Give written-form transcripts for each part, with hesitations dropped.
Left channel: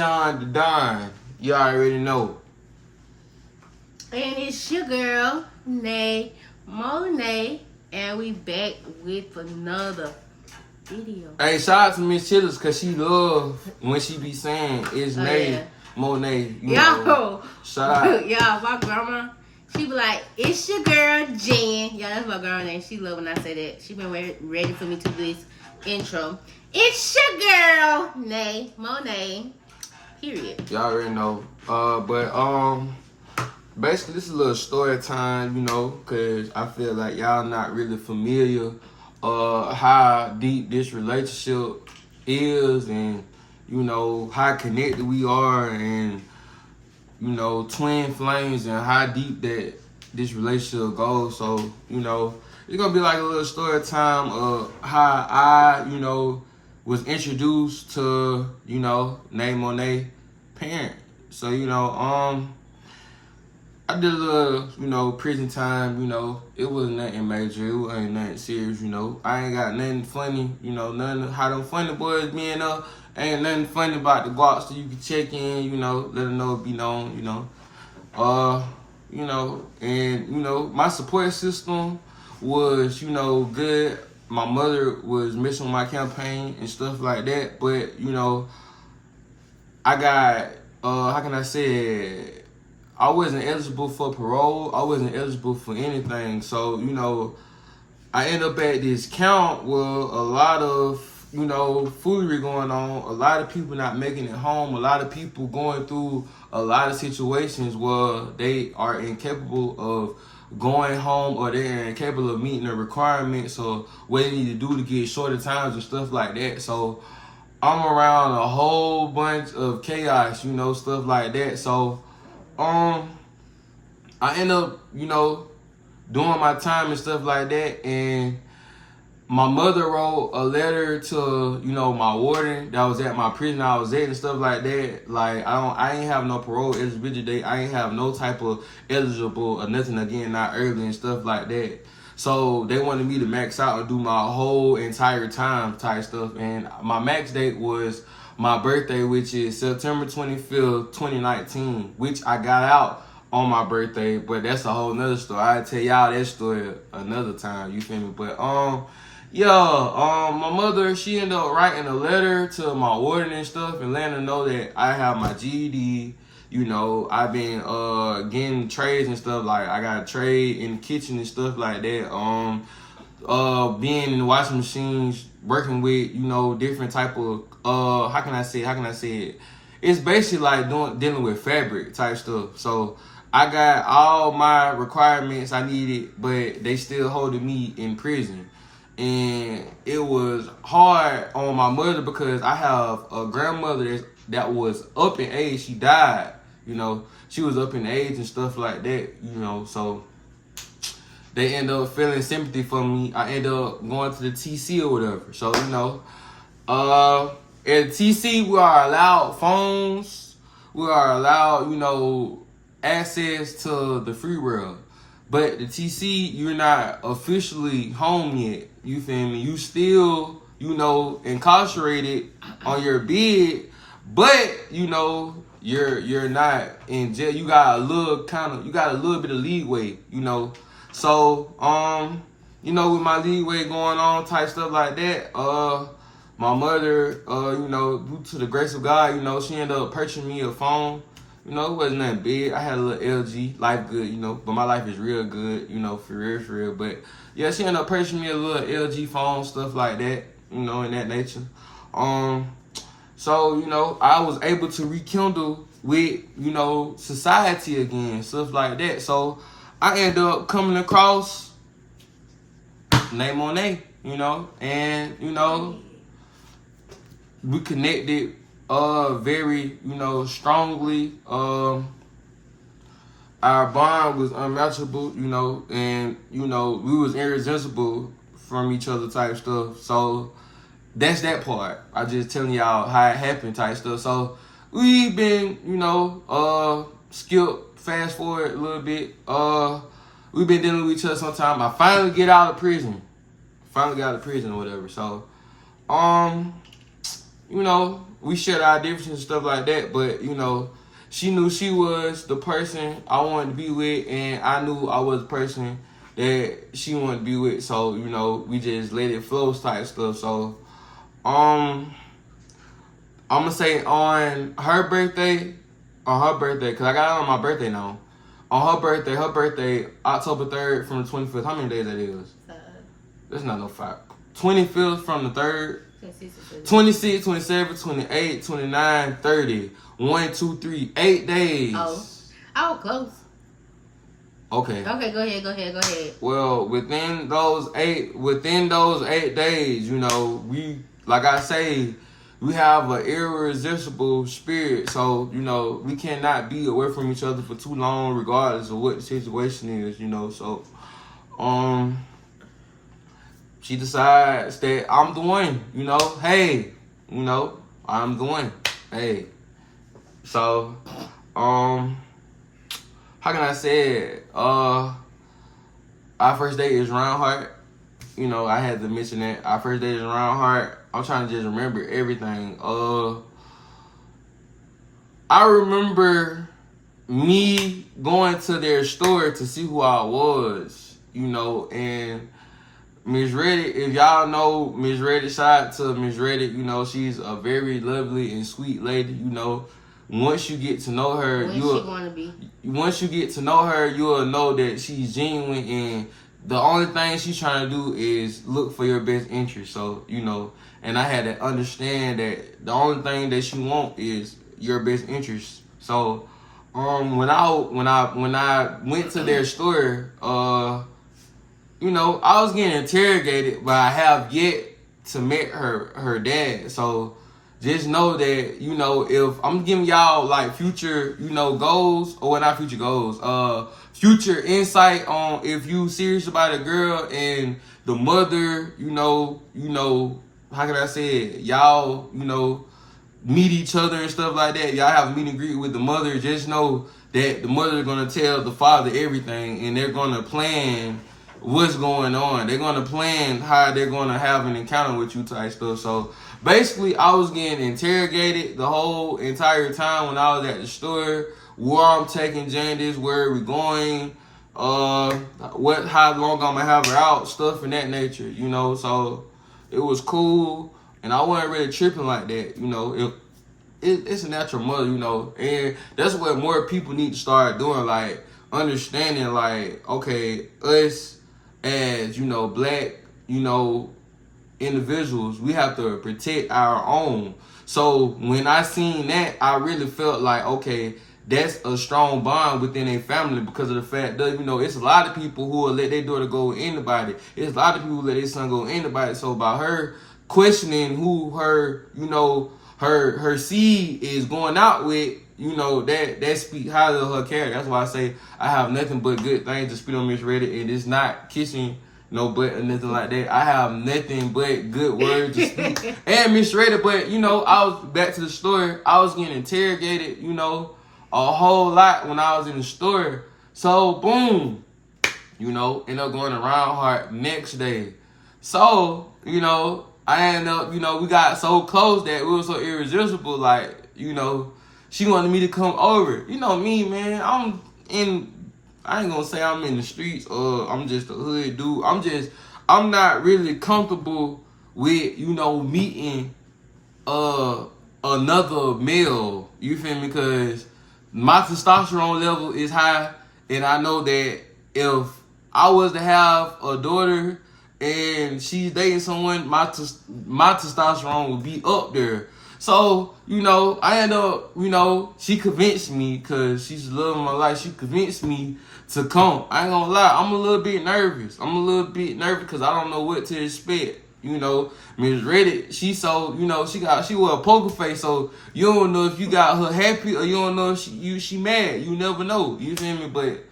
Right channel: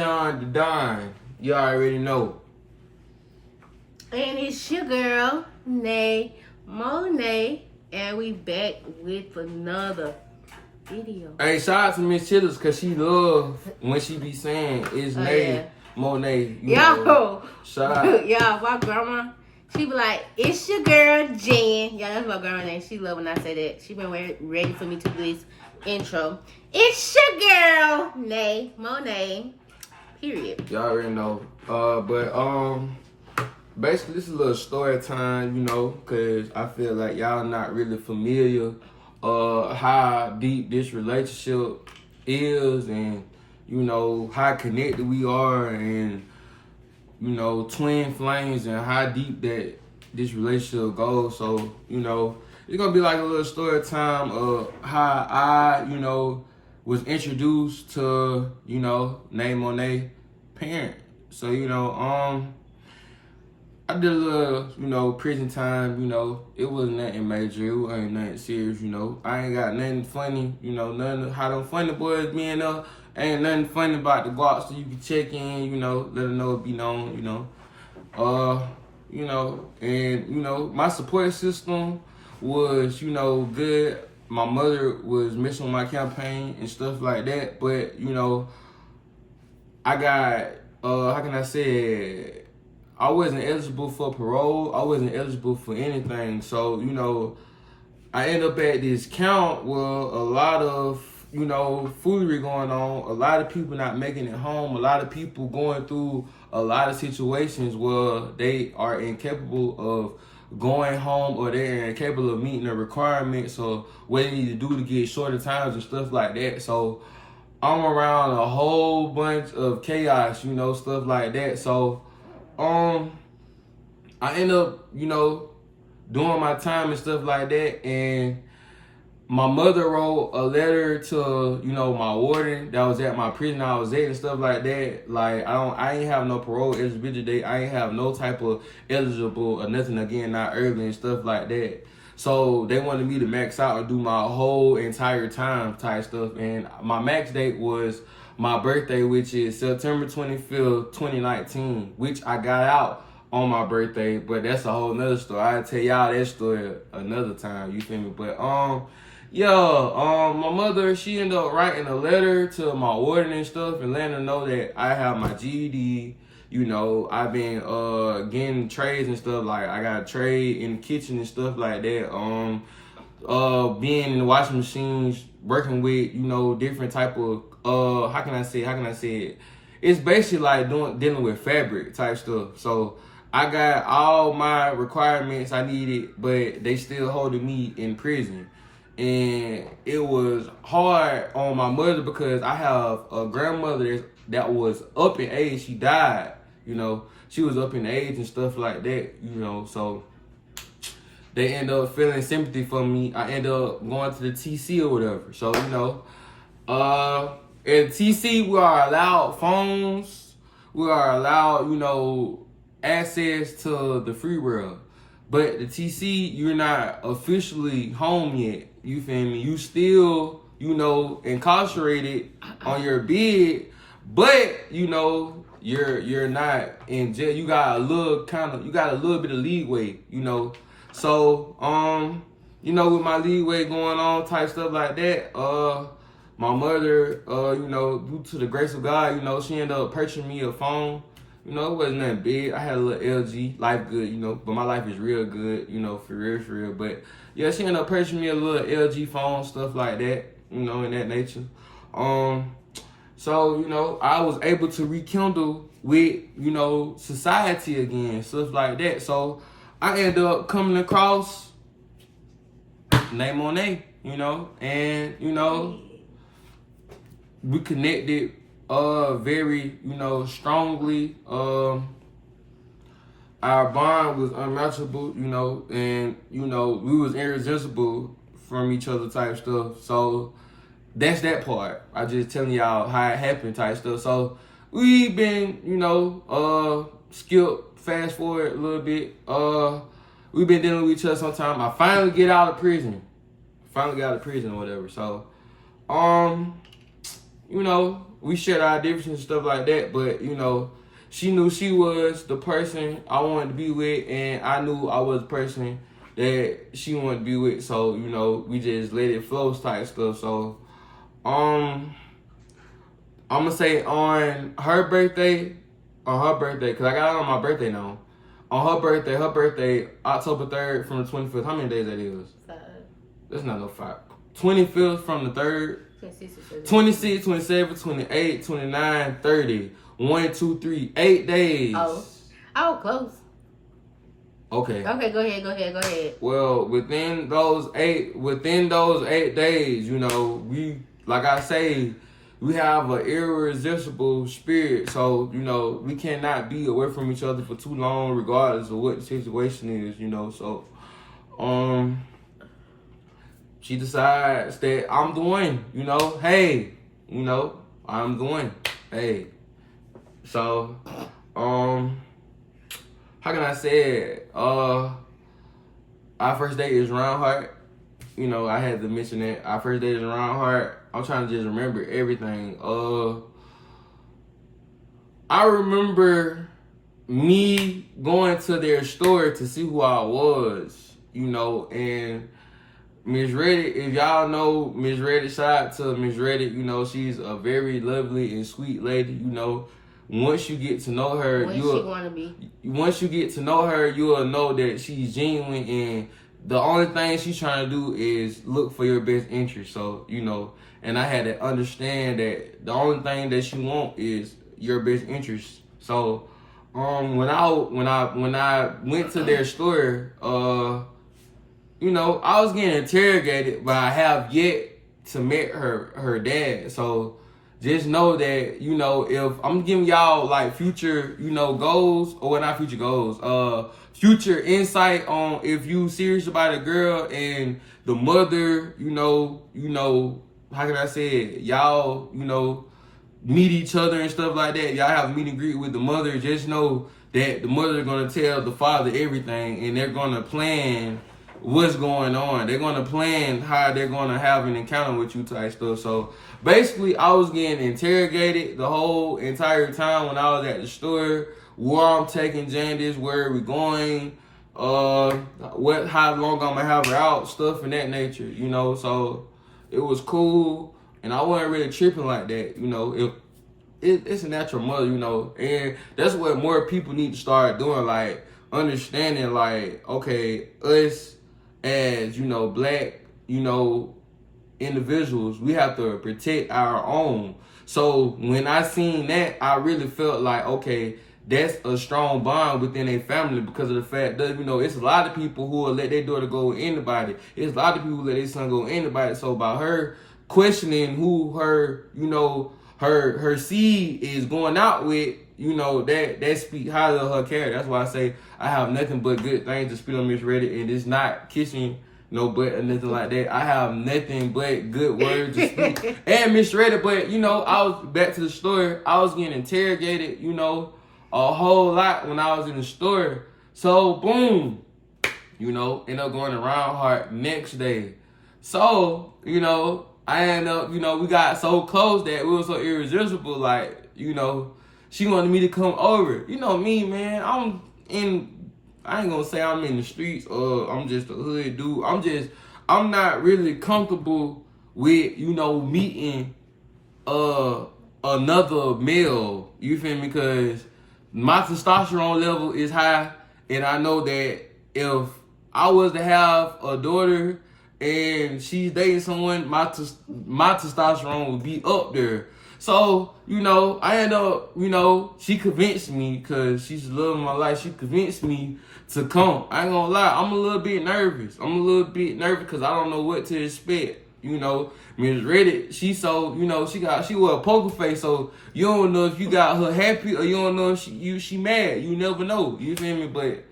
Keyshaun the Don. You already know. And it's your girl, NaeMona, and we back with another video. Hey, shout out to Miss Chillers because she love when she be saying it's NaeMona. Yo, shout out. y'all, my grandma, she be like, it's your girl, Jen. Y'all, that's my girl name. She love when I say that. She been ready for me to do this intro. It's your girl, NaeMona. Period. Y'all already know. Basically, this is a little story time, you know, because I feel like y'all not really familiar how deep this relationship is and, you know, how connected we are and, you know, twin flames and how deep that this relationship goes. So, you know, it's going to be like a little story time of how I, you know, was introduced to, you know, NaeMona parent. So, you know, I did a little, you know, prison time, you know. It wasn't nothing major. It wasn't nothing serious, you know. I ain't got nothing funny, you know, nothing how them funny boys being up. Ain't nothing funny about the guacs so you can check in, you know, let them know it be known, you know. You know, and, you know, my support system was, you know, good. My mother was missing my campaign and stuff like that. But, you know, I got, how can I say it? I wasn't eligible for parole. I wasn't eligible for anything. So, you know, I end up at this camp with a lot of, you know, foolery going on. A lot of people not making it home. A lot of people going through a lot of situations where they are incapable of going home or they're incapable of meeting the requirements or what they need to do to get shorter times and stuff like that. So I'm around a whole bunch of chaos, you know, stuff like that. So I end up, you know, doing my time and stuff like that, and my mother wrote a letter to, you know, my warden that was at my prison I was at and stuff like that. Like, I ain't have no parole eligibility date. I ain't have no type of eligible or nothing, again, not early and stuff like that. So they wanted me to max out and do my whole entire time type stuff, and my max date was my birthday, which is September 25th, 2019, which I got out on my birthday, but that's a whole nother story. I'll tell y'all that story another time, you feel me? But, my mother, she ended up writing a letter to my warden and stuff and letting her know that I have my GED, you know, I've been, getting trades and stuff, like I got a trade in the kitchen and stuff like that, being in the washing machines, working with, you know, different type of, how can I say it? It's basically like dealing with fabric type stuff. So I got all my requirements I needed, but they still holding me in prison. And it was hard on my mother because I have a grandmother that was up in age. She died, you know. She was up in age and stuff like that, you know. So they end up feeling sympathy for me. I end up going to the TC or whatever. So, you know, at TC, we are allowed phones. We are allowed, you know, access to the free world. But the TC, you're not officially home yet. You feel me? You still, you know, incarcerated on your bed, but, you know, you're not in jail. You got a little bit of leeway, you know. So, you know, with my leeway going on, type stuff like that, my mother, you know, due to the grace of God, you know, she ended up purchasing me a phone. You know, it wasn't nothing big. I had a little LG, life good, you know, but my life is real good, you know, for real. But yeah, she ended up purchasing me a little LG phone, stuff like that, you know, in that nature. So, you know, I was able to rekindle with, you know, society again, stuff like that. So I ended up coming across NaeMona, you know, and, you know, we connected very, you know, strongly. Our bond was unmatchable, you know, and, you know, we was irresistible from each other type stuff. So that's that part. I just telling y'all how it happened type stuff. So we been, you know, skip fast forward a little bit. We've been dealing with each other sometime. I finally get out of prison. Or whatever. So, you know, we shared our differences and stuff like that, but, you know, she knew she was the person I wanted to be with, and I knew I was the person that she wanted to be with. So, you know, we just let it flow type stuff. So, I'm gonna say on her birthday, because I got it on my birthday now. On her birthday, October 3rd from the 25th. How many days that is? 5. That's not no 5. 25th from the 3rd. 26, 26, 27, 28, 29, 30. 1, 2, 3, 8 days. Oh, close. Okay. Okay, go ahead. Well, within those 8 days, you know, we, like I say, we have an irresistible spirit. So, you know, we cannot be away from each other for too long, regardless of what the situation is, you know. So, she decides that I'm the one, you know. Hey, you know, I'm the one. Hey. So, how can I say it? Our first date is round heart. You know, I had to mention that. Our first date is round heart. I'm trying to just remember everything. I remember me going to their store to see who I was, you know, and Miss Reddit, if y'all know Miss Reddit, shout out to Miss Reddit, you know, she's a very lovely and sweet lady, you know. Once you get to know her, once you get to know her, you'll know that she's genuine, and the only thing she's trying to do is look for your best interest. So, you know, and I had to understand that the only thing that she want is your best interest. So, when I went to their store, you know, I was getting interrogated, but I have yet to meet her dad. So just know that, you know, if I'm giving y'all like future, you know, goals, or not future goals, future insight on if you serious about a girl and the mother, you know, how can I say it? Y'all, you know, meet each other and stuff like that. Y'all have a meet and greet with the mother. Just know that the mother gonna tell the father everything, and they're gonna plan what's going on. They're gonna plan how they're gonna have an encounter with you type stuff. So basically, I was getting interrogated the whole entire time when I was at the store. Where I'm taking Jandis, where we going, how long I'm gonna have her out, stuff in that nature, you know. So it was cool, and I wasn't really tripping like that, you know. It's a natural mother, you know, and that's what more people need to start doing, like understanding, like, okay, us as, you know, black, you know, individuals, we have to protect our own. So when I seen that, I really felt like, okay, that's a strong bond within a family, because of the fact that, you know, it's a lot of people who will let their daughter go with anybody. It's a lot of people who let their son go with anybody. So by her questioning who her, you know, her seed is going out with, you know, that speaks highly of her character. That's why I say I have nothing but good things to speak on Miss Reddit, and it's not kissing no butt or nothing like that. I have nothing but good words to speak. And Miss Reddit, but, you know, I was back to the store. I was getting interrogated, you know, a whole lot when I was in the store. So, boom, you know, end up going to Round Heart next day. So, you know, I ended up, you know, we got so close that we were so irresistible. Like, you know, she wanted me to come over. You know me, man. I ain't gonna say I'm in the streets or I'm just a hood dude. I'm not really comfortable with, you know, meeting another male. You feel me? Because my testosterone level is high, and I know that if I was to have a daughter and she's dating someone, my testosterone would be up there. So, you know, I end up, you know, she convinced me, because she's the love of my life. She convinced me to come. I ain't gonna lie, I'm a little bit nervous. Because I don't know what to expect. You know, Miss Reddit, she so, you know, she wear a poker face, so you don't know if you got her happy or you don't know if she mad. You never know. You feel me? But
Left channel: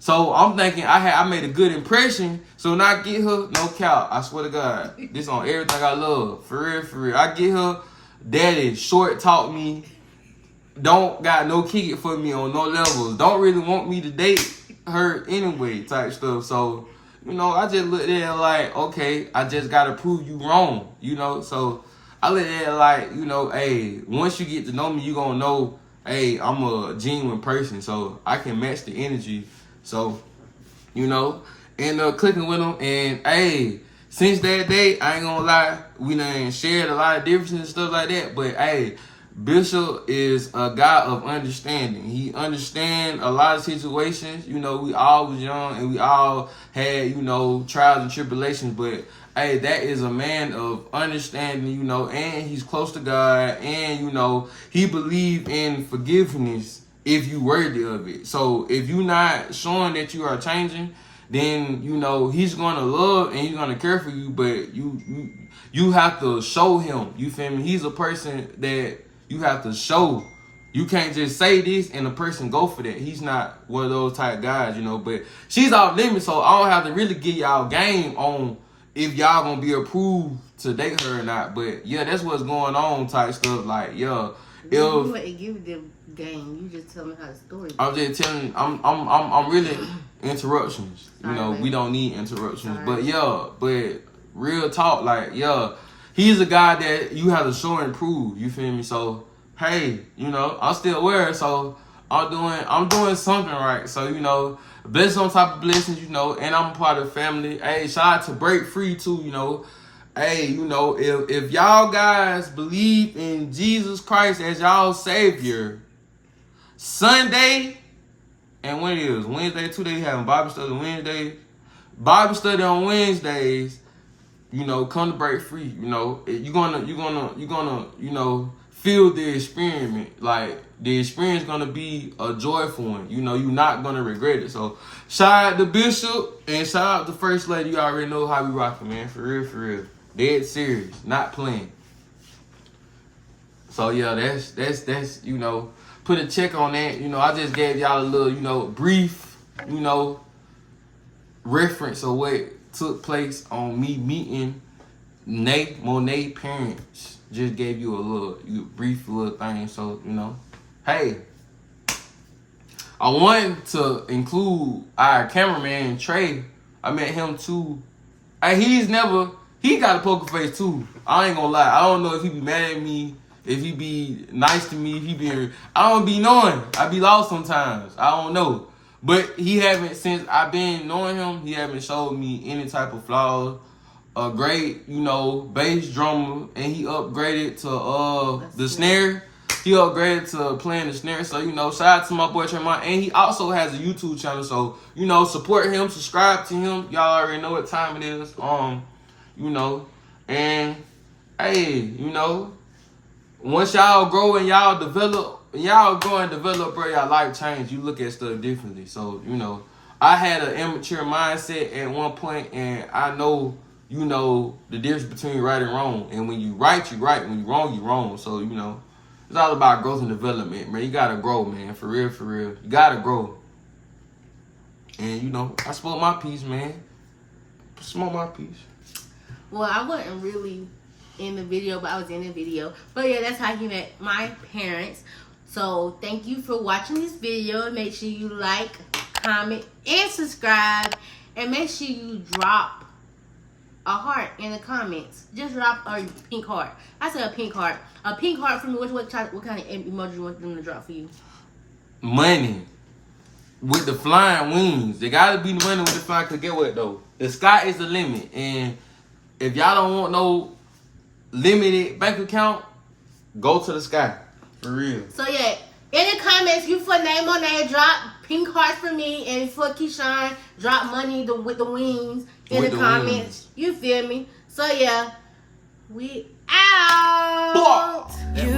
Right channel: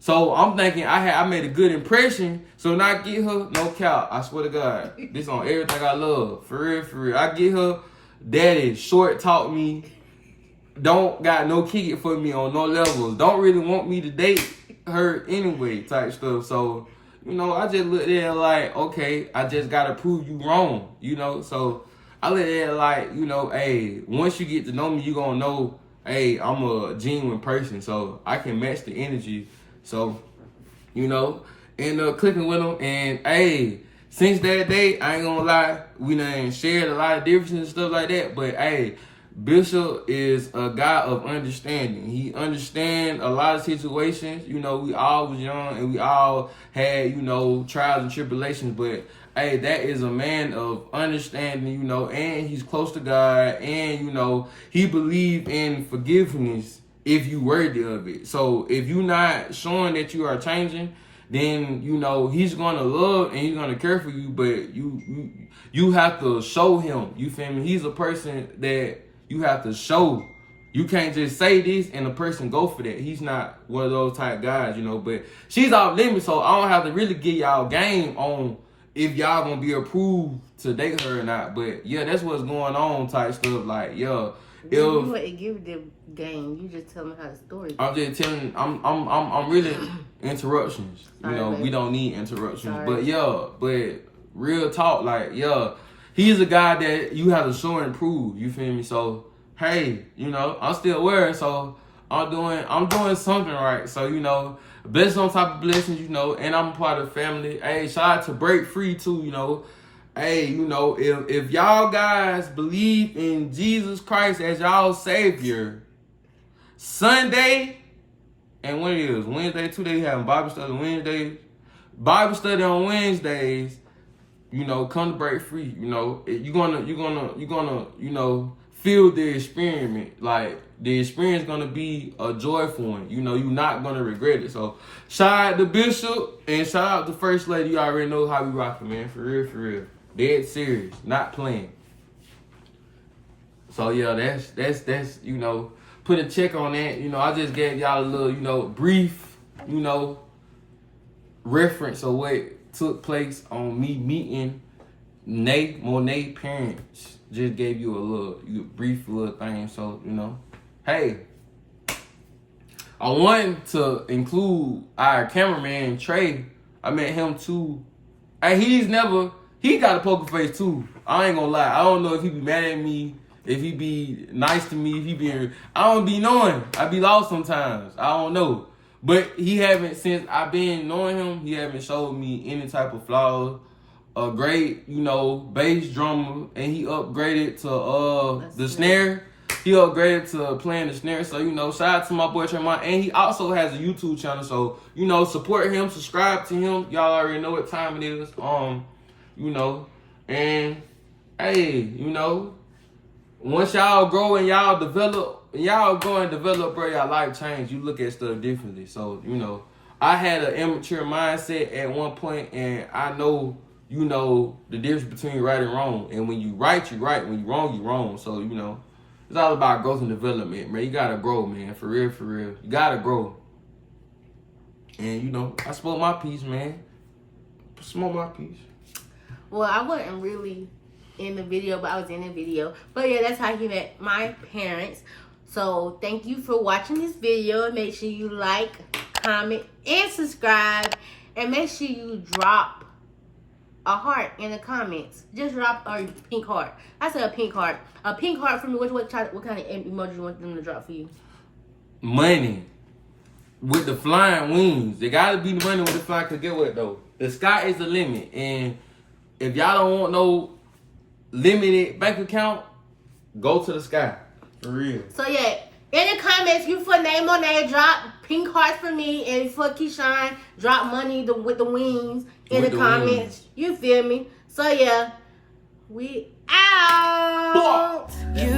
so I'm thinking I made a good impression. So when I get her, no cap, I swear to God, this on everything I love. For real. I get her, daddy short talk me, don't got no kick it for me on no levels, don't really want me to date her anyway type stuff. So, you know, I just looked there like, okay, I just gotta prove you wrong, you know. So I look at it like, you know, hey, once you get to know me, you gonna know, hey, I'm a genuine person, so I can match the energy. So, you know, end up clicking with him, and hey, since that day, I ain't gonna lie, we done shared a lot of differences and stuff like that, but hey, Bishop is a guy of understanding. He understands a lot of situations. You know, we all was young and we all had, you know, trials and tribulations, but hey, that is a man of understanding, you know, and he's close to God, and, you know, he believed in forgiveness if you worthy of it. So if you're not showing that you are changing, then, you know, he's gonna love and he's gonna care for you, but you have to show him. You feel me? He's a person that you have to show. You can't just say this and the person go for that. He's not one of those type guys, you know. But she's off limits, so I don't have to really get y'all game on if y'all gonna be approved to date her or not. But yeah, that's what's going on type stuff. Like, yeah. You wouldn't give the game. You just tell me how the story goes. I'm just telling. I'm really interruptions. Sorry, you know, baby. we don't need interruptions. Sorry. But yeah, but real talk, like, yeah, he's a guy that you have to show and prove. You feel me? So hey, you know, I'm still aware. So I'm doing something right. So, you know, blessings on top of blessings. You know, and I'm a part of the family. Hey, shout out to Break Free too. You know. Hey, you know, if y'all guys believe in Jesus Christ as y'all Savior, Sunday, and when it is Wednesday, 2 days having Bible study Wednesdays, Bible study on Wednesdays, you know, come to Break Free. You know, you're gonna, you know, feel the experiment. Like, the experience gonna be a joyful one. You know, you're not gonna regret it. So, shout out to Bishop and shout out to First Lady. You already know how we rockin', man. For real, for real. Dead serious, not playing. So yeah, that's you know, put a check on that. You know, I just gave y'all a little, you know, brief, you know, reference of what took place on me meeting NaeMona parents. Just gave you a little brief little thing. So, you know, hey, I wanted to include our cameraman Trey. I met him too. And he got a poker face too. I ain't gonna lie. I don't know if he be mad at me, if he be nice to me, if he be, I don't be knowing. I be lost sometimes. I don't know. But he haven't, since I've been knowing him, he haven't showed me any type of flaws. A great, you know, bass drummer, and he upgraded to the snare. He upgraded to playing the snare. So, you know, shout out to my boy Tremont. And he also has a YouTube channel. So, you know, support him, subscribe to him. Y'all already know what time it is. You know, and hey, you know, once y'all grow and y'all grow and develop, bro, y'all life change. You look at stuff differently. So, you know, I had an immature mindset at one point, and I know, you know, the difference between right and wrong. And when you right, you right. When you wrong, you wrong. So, you know, it's all about growth and development, man. You gotta grow, man. For real, for real. You gotta grow. And, you know, I spoke my piece, man. Smoke my piece. Well, I wasn't really in the video, but I was in the video. But yeah, that's how he met my parents. So thank you for watching this video. Make sure you like, comment, and subscribe. And make sure you drop a heart in the comments. Just drop a pink heart. I said a pink heart. A pink heart for me. What kind of emoji you want them to drop for you? Money. With the flying wings. They gotta be the money with the flying, because get what though? The sky is the limit. And if y'all don't want no limited bank account, go to the sky. For real. So yeah, in the comments, you for NaeMona, drop pink hearts for me, and for Keyshaun, drop money with the wings in the comments. Wings. You feel me? So yeah, we out. You